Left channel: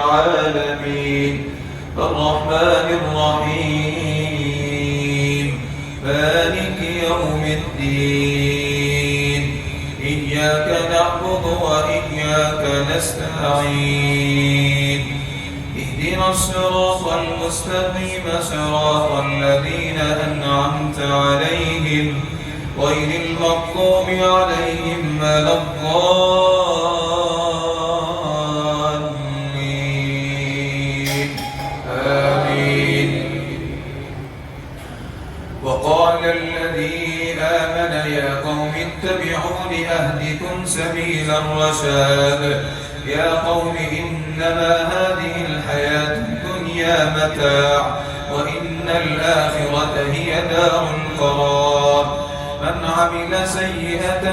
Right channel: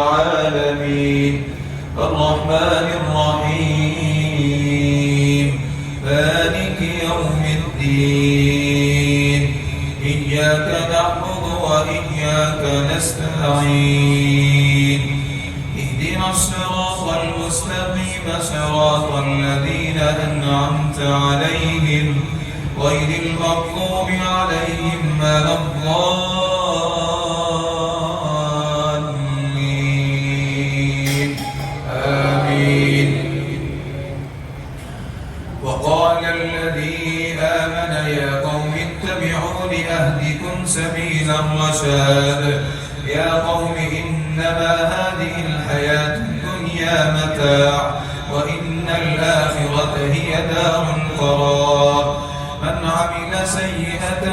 العالمين الرحمن الرحيم مالك يوم الدين إياك نعبد وإياك نستعين اهدنا الصراط المستقيم صراط الذين أنعمت عليهم غير المغضوب عليهم ولا الضالين آمين. وقال الذي آمن يا قوم اتبعون أهدكم سبيل الرشاد يا قوم إنما هذه الحياة الدنيا متاع وإن الآخرة هي دار القرار من عمل سيئة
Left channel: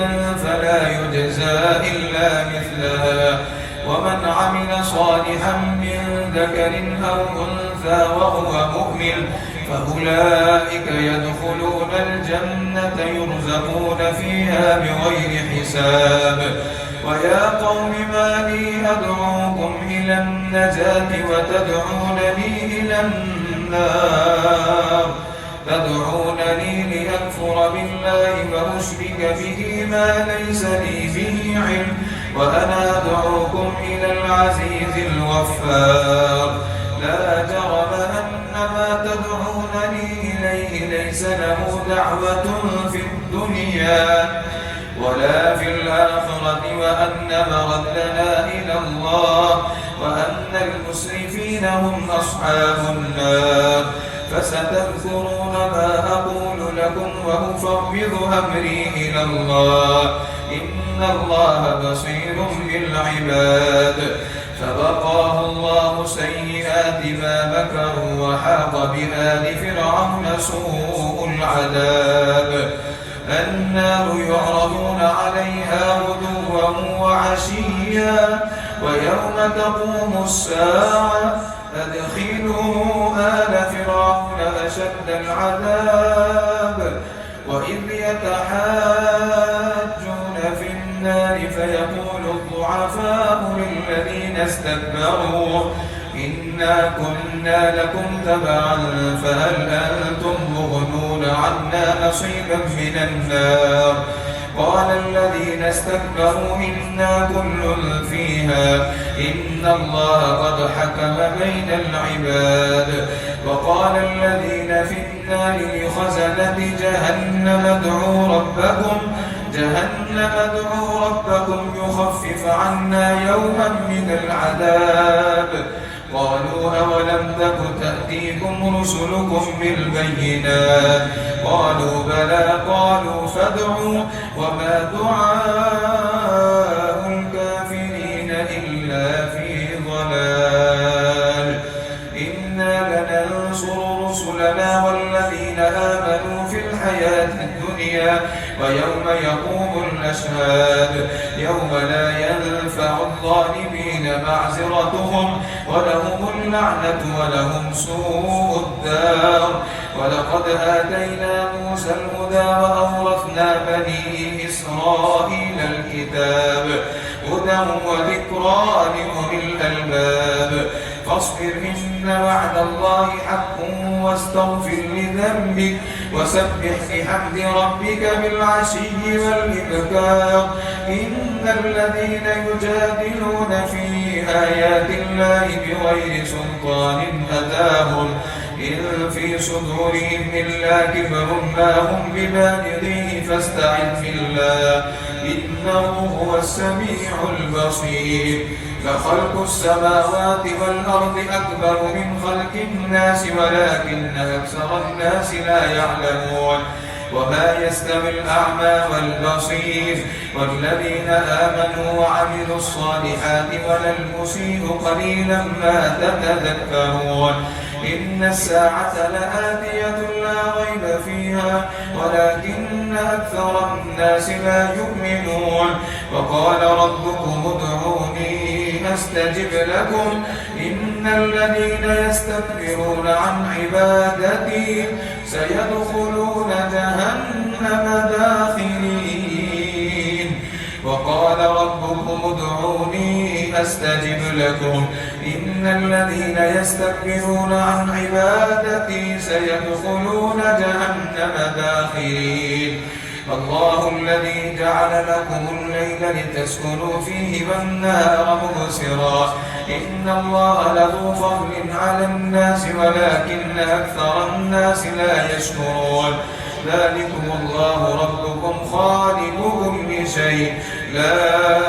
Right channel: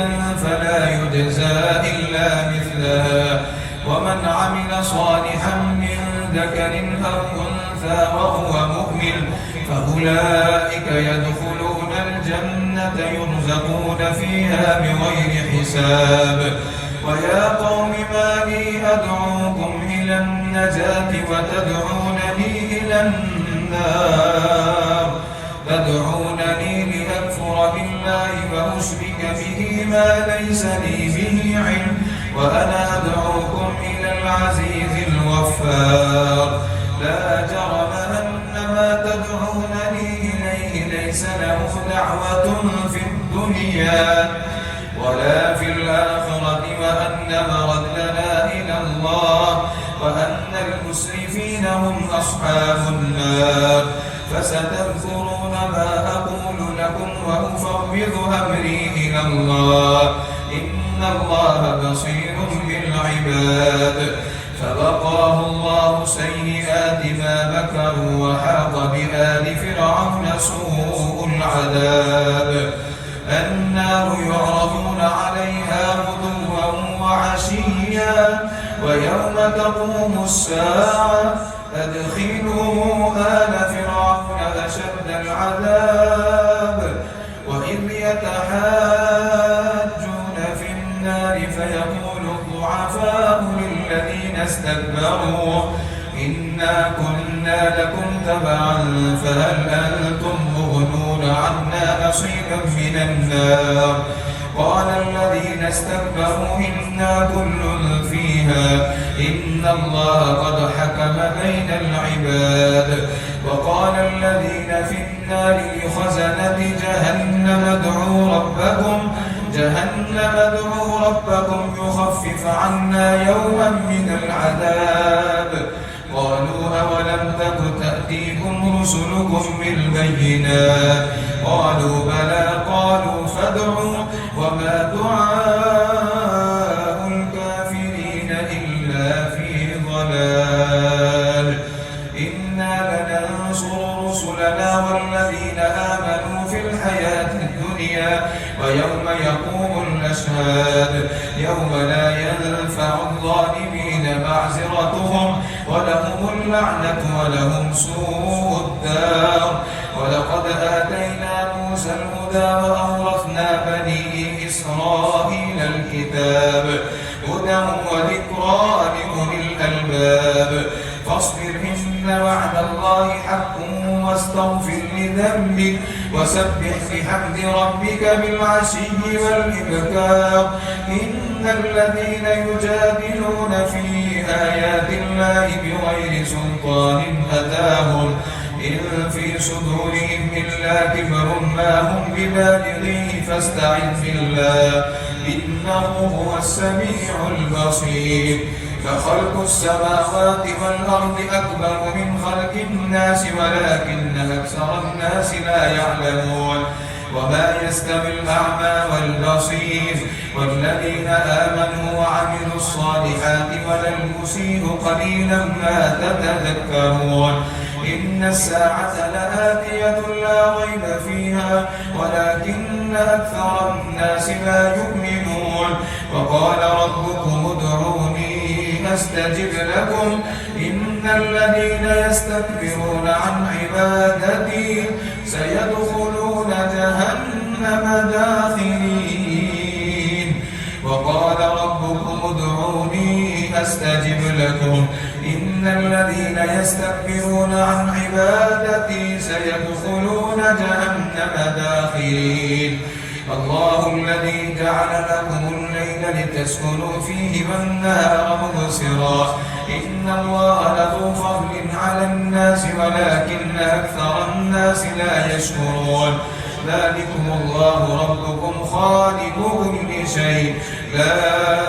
فلا يجزى إلا مثلها ومن عمل صالحا من ذكر أو أنثى وهو مؤمن فأولئك يدخلون الجنة يرزقون فيها بغير حساب ويا قوم ما لي أدعوكم إلى النجاة وتدعونني إلى النار تدعونني لأكفر بالله وأشرك به ما ليس لي به علم وأنا أدعوكم إلى العزيز الغفار لا جرم أن ما تدعونني إليه ليس له دعوة في الدنيا ولا في الآخرة وأن مردنا إلى الله وأن المسرفين هم أصحاب النار فستذكرون ما أقول لكم وأفوض أمري إلى الله إن الله بصير بالعباد فوقاه الله سيئات ما مكروا وحاق بآل فرعون سوء العذاب النار يعرضون عليها غدوا وعشيا ويوم تقوم الساعة أدخلوا آل فرعون أشد العذاب وإذ يتحاجون في النار فيقول الضعفاء للذين استكبروا إنا كنا لكم تبعا فهل أنتم مغنون عنا نصيبا من النار قال الذين استكبروا إنا كل فيها إن الله قد حكم بين العباد وقال الذين في النار لخزنة جهنم ادعوا ربكم يخفف عنا يوما من العذاب قالوا أولم تك تأتيكم رسلكم بالبينات قالوا بلى قالوا فادعوا وما دعاء الكافرين إلا في ضلال إنا لننصر رسلنا والذين آمنوا في الحياة الدنيا ويوم يقوم الأشهاد يوم لا ينفع الظالمين معذرتهم ولهم اللعنة ولهم سوء الدار ولقد آتينا موسى الهدى وأورثنا بني إسرائيل الكتاب هدى وذكرى لأولي الألباب فاصبر إن وعد الله حق واستغفر لذنبك وسبح بحمد ربك بالعشي والإبكار إن الذين يجادلون في آيات الله بغير سلطان أتاهم إن في صدورهم إلا كبر ما هم ببالغيه فاستعذ بالله إنه هو السميع البصير فخلق السماوات والأرض أكبر من خلق الناس ولكن أكثر الناس لا يعلمون وما يستوي الأعمى والبصير والذين آمنوا وعملوا الصالحات ولا المسيء قليلا ما تتذكرون إن الساعة لآتية لا ريب فيها ولكن أكثر الناس لا يؤمنون وقال ربكم ادعوني أستجب لكم إن الذين يستكبرون عن عبادتي سيدخلون جهنم داخرين وقال ربكم ادعوني أستجب لكم إن الذين يستكبرون عن عبادتي سيدخلون جهنم داخرين الله الذي جعل لكم الليل لتسكنوا فيه والنهار مبصرا إن الله له فضل على الناس ولكن أكثر الناس لا يشكرون ذلكم الله ربكم خالق كل شيء لا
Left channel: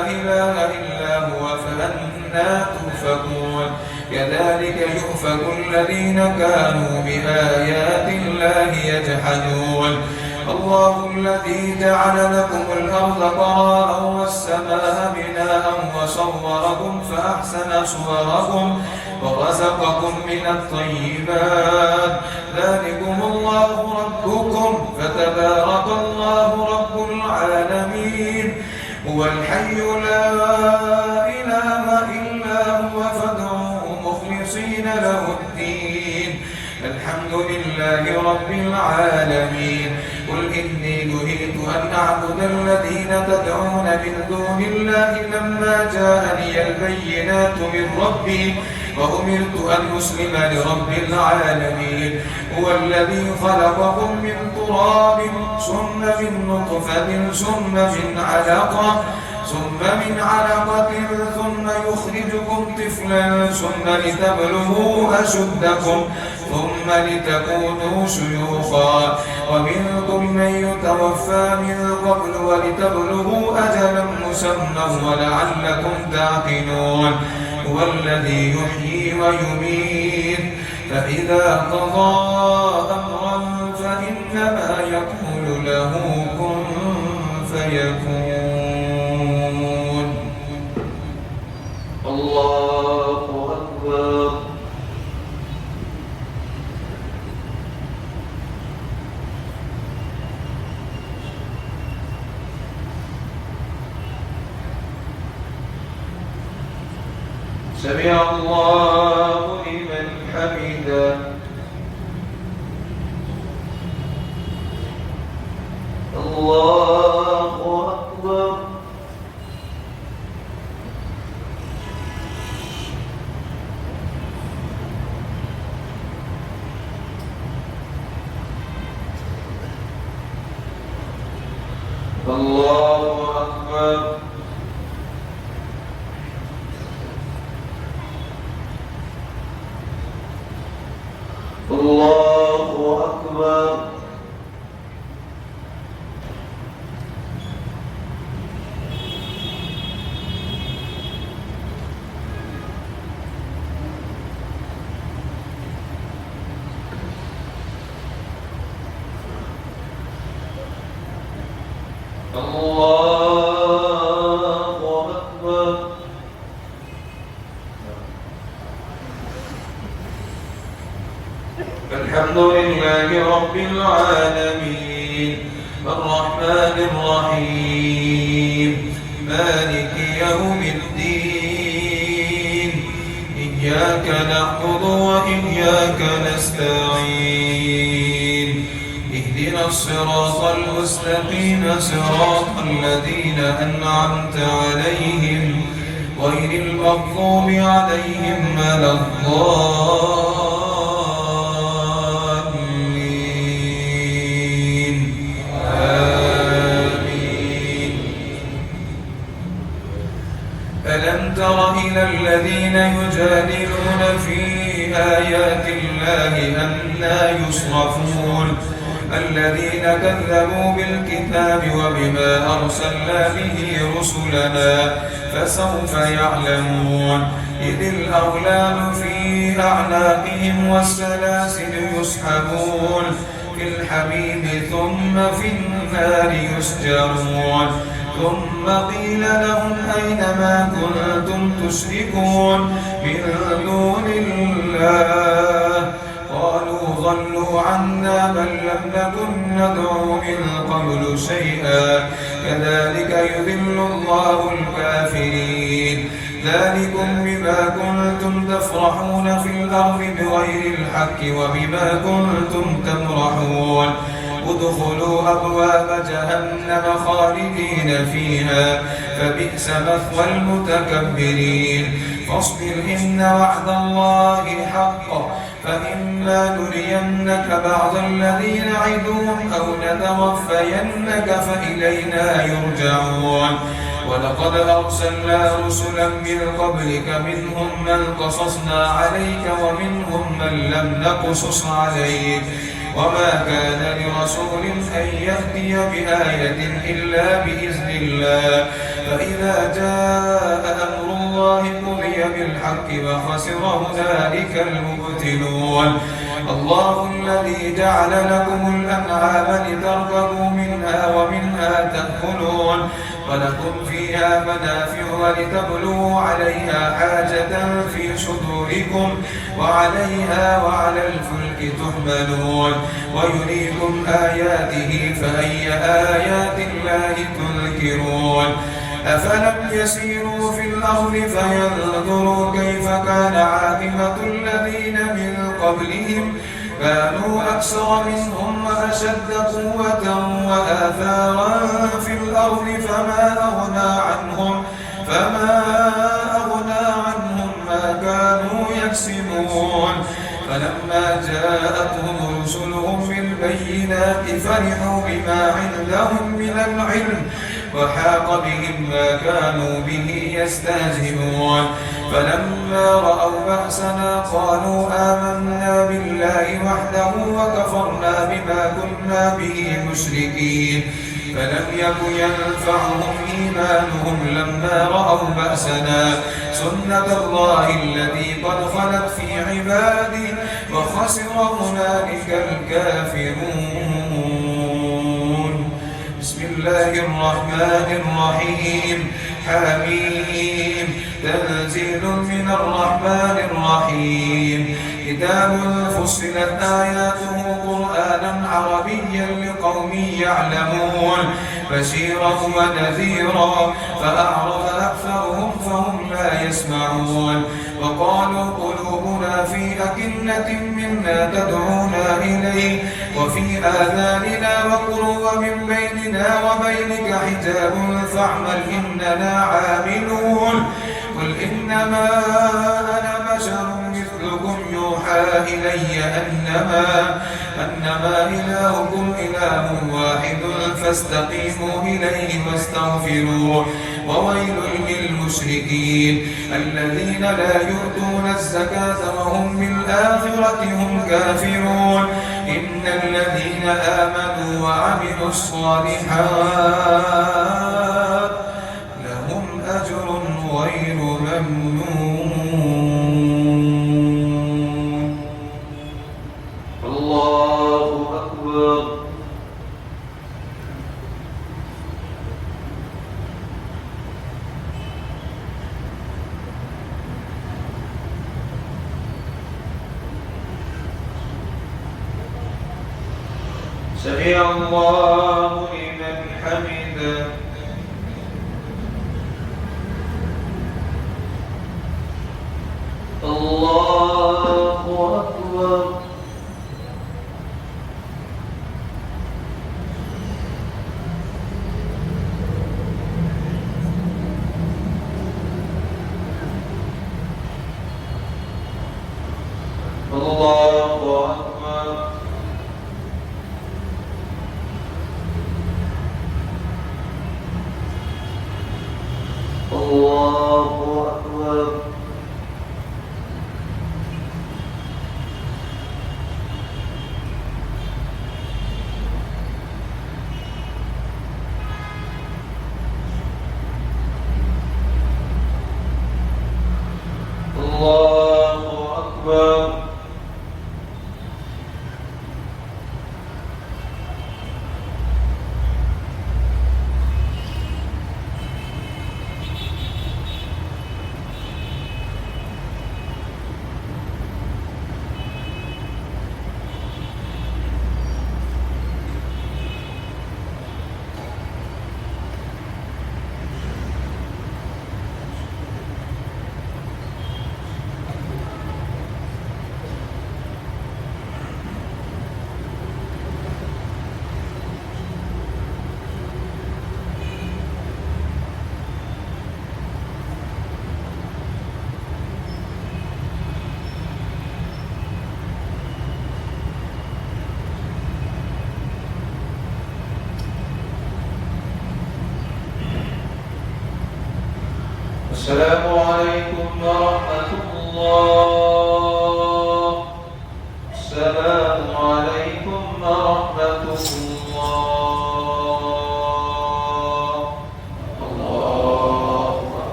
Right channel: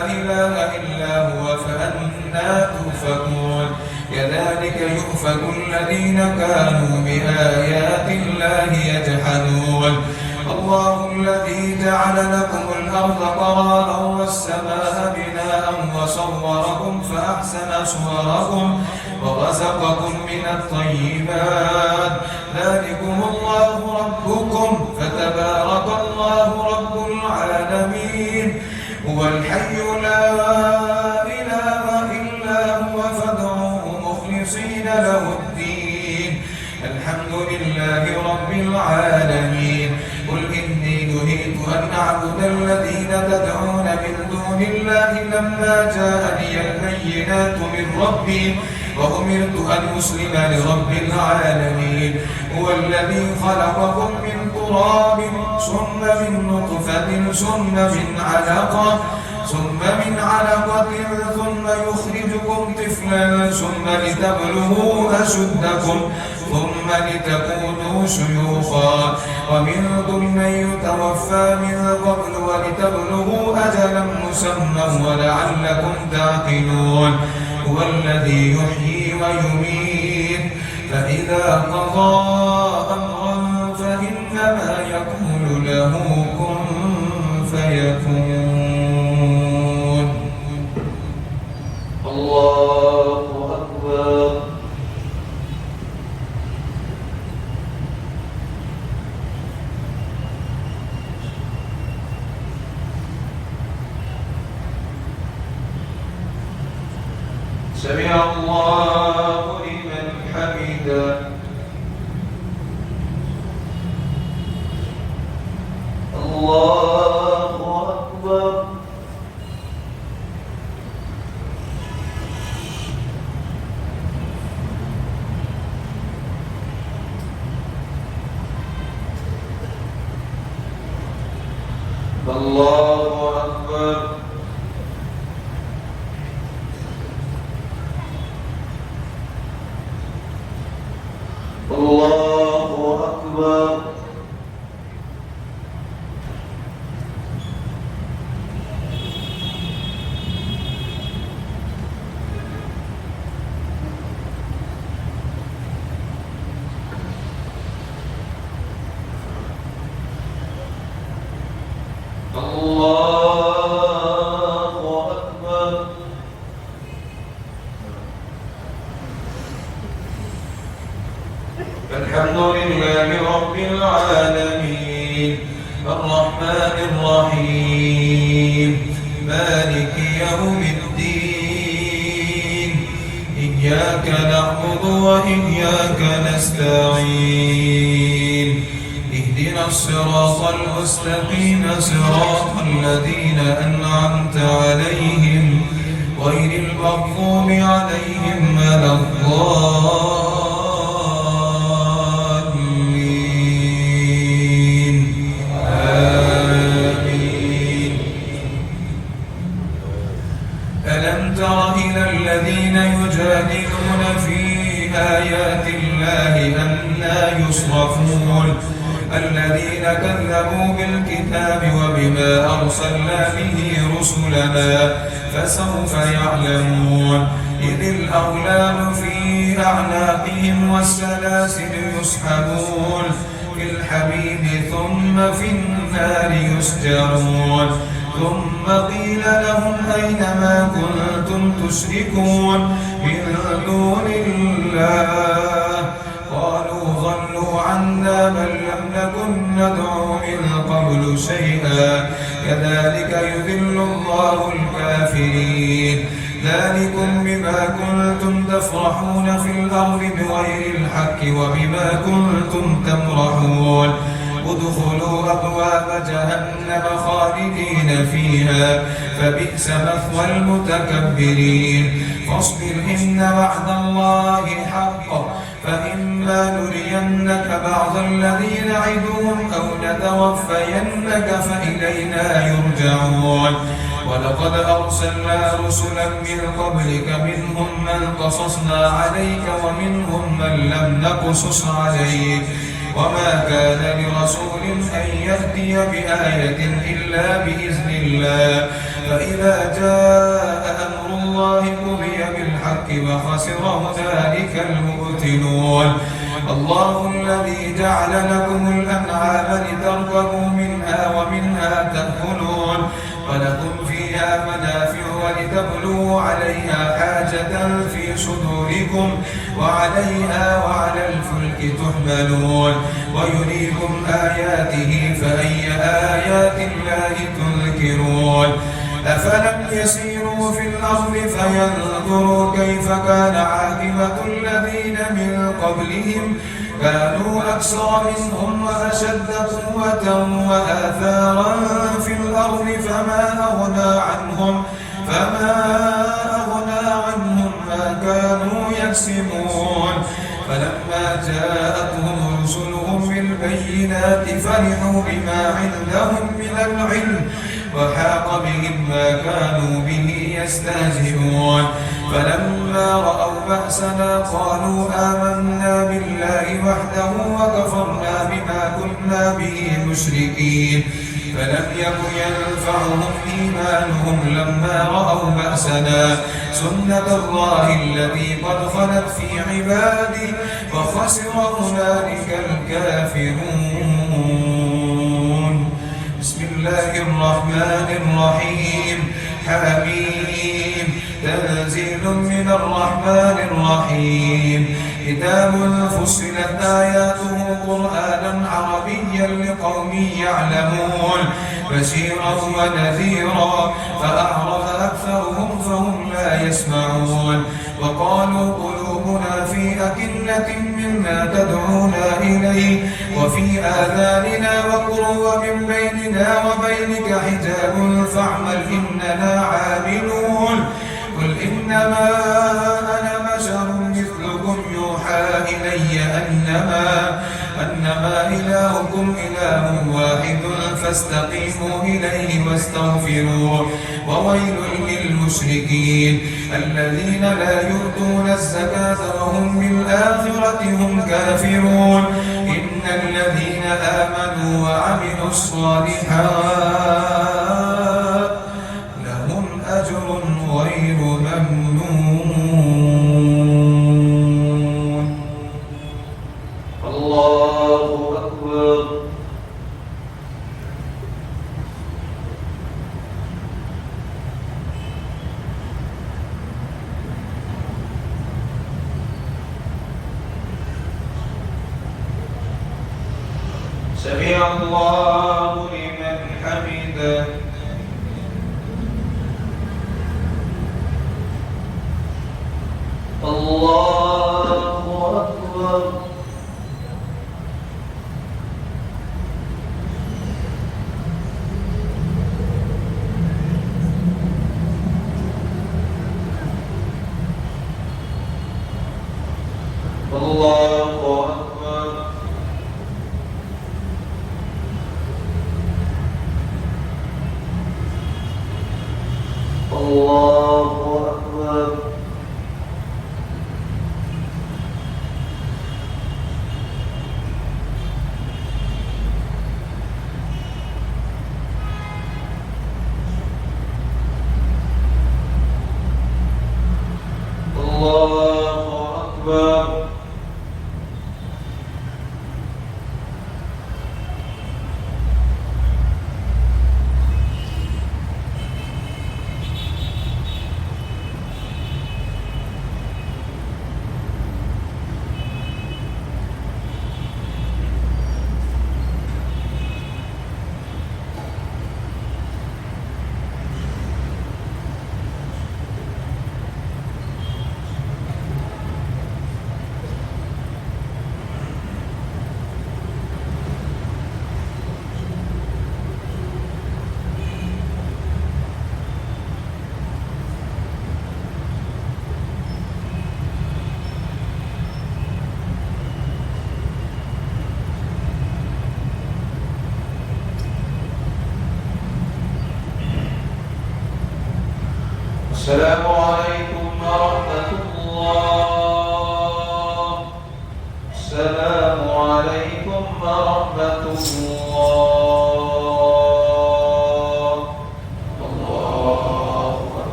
إله إلا هو فأنى تؤفكون كذلك يؤفك الذين كانوا بآيات الله يجحدون الله الذي جعل لكم الأرض قرارا والسماء بناء وصوركم فأحسن صوركم ورزقكم من الطيبات ذلكم الله ربكم فتبارك الله رب العالمين هو الحي لا إله إلا هو فادعوه مخلصين له الدين الحمد لله رب العالمين قل إني نهيت أن أعبد الذين تدعون من دون الله لما جاءني البينات من ربي وأمرت أن أسلم لرب العالمين هو الذي خلقكم من تراب ثم من نطفة ثم من علقة ثم يخرجكم طفلا ثم لتبلغوا أشدكم ثم لتكونوا شيوخا ومنكم من يتوفى من قبل ولتبلغوا أجلا مسمى ولعلكم تعقلون هو الذي يحيي ويميت فإذا قضى أمرا فإنما يقول له كن فيكون الله أكبر سمع الله لمن حمده الله أكبر الله أكبر الله أكبر الله أكبر الحمد لله رب العالمين الرحمن الرحيم مالك يوم الدين إياك نعبد وإياك نستعين اهدنا الصراط المستقيم صراط الذين أنعمت عليهم غير المغضوب عليهم ولا الضالين آمين ألم تر إلى الذين يجادلون في آيات الله أنى يصرفون الذين كذبوا بالكتاب وبما أرسلنا به رسلنا فسوف يعلمون إذ الأغلال في أعناقهم والسلاسل يسحبون في الحميم ثم في النار يسجرون ثم قيل لهم أين ما كنتم تشركون من دون الله قالوا ضلوا عنا بل لم نكن ندعو من قبل شيئا كذلك يذل الله الكافرين ذلكم بما كنتم تفرحون في الأرض بغير الحق وبما كنتم تمرحون ادخلوا أبواب جهنم خالدين فيها فبئس مثوى المتكبرين فاصبر إن وعد الله حق فإما نرينك بعض الذي نعدهم أو نتوفينك فإلينا يرجعون ولقد أرسلنا رسلا من قبلك منهم من قصصنا عليك ومنهم من لم نقصص عليك وما كان لرسول أن يأتي بآية إلا بإذن الله فإذا جاء أمر الله قضي بالحق وخسر هنالك المبتلون الله الذي جعل لكم الأنعام لتركبوا منها ومنها تأكلون ولكم فيها منافع ولتبلغوا عليها حاجة في صدوركم وعليها وعلى الفلك تحملون ويريكم آياته فأي آيات الله تنكرون أفلم يسيروا في الأرض فينظروا كيف كان عاقبة الذين من قبلهم كانوا أكثر منهم وأشد قوة وآثارا في الأرض فما أغنى عنهم ما كانوا يكسبون فلما جاءتهم رسلهم بالبينات فرحوا بما عندهم من العلم وحاق بهم ما كانوا به يستهزئون فلما رأوا بأسنا قالوا آمنا بالله وحده وكفرنا بما كنا به مشركين فلم يكن ينفعهم إيمانهم لما رأوا بأسنا سنة الله التي قد خلت في عبادي وخسر هنالك الكافرون بسم الله الرحمن الرحيم حميم تنزيل من الرحمن الرحيم كتاب فصلت آياته قرآنا عربيا لقوم يعلمون بشيرا ونذيرا فأعرض أكثرهم فهم لا يسمعون وقالوا قلوبنا في أكنة مما تدعونا إليه وفي آذاننا وقر ومن بيننا وبينك حجاب فاعمل إننا عاملون قل إنما أنا بشر مثلكم يوحى إلي أنما إلهكم إله واحد فاستقيموا إليه واستغفروه وويل للمشركين الذين لا يؤتون الزكاة وهم بالآخرة هم كافرون إن الذين آمنوا وعملوا الصالحات لهم أجر غير ممنون الله أكبر سمع الله لمن حمده الله أكبر الله أكبر الله أكبر الله أكبر السلام عليكم ورحمة الله. السلام عليكم ورحمة الله.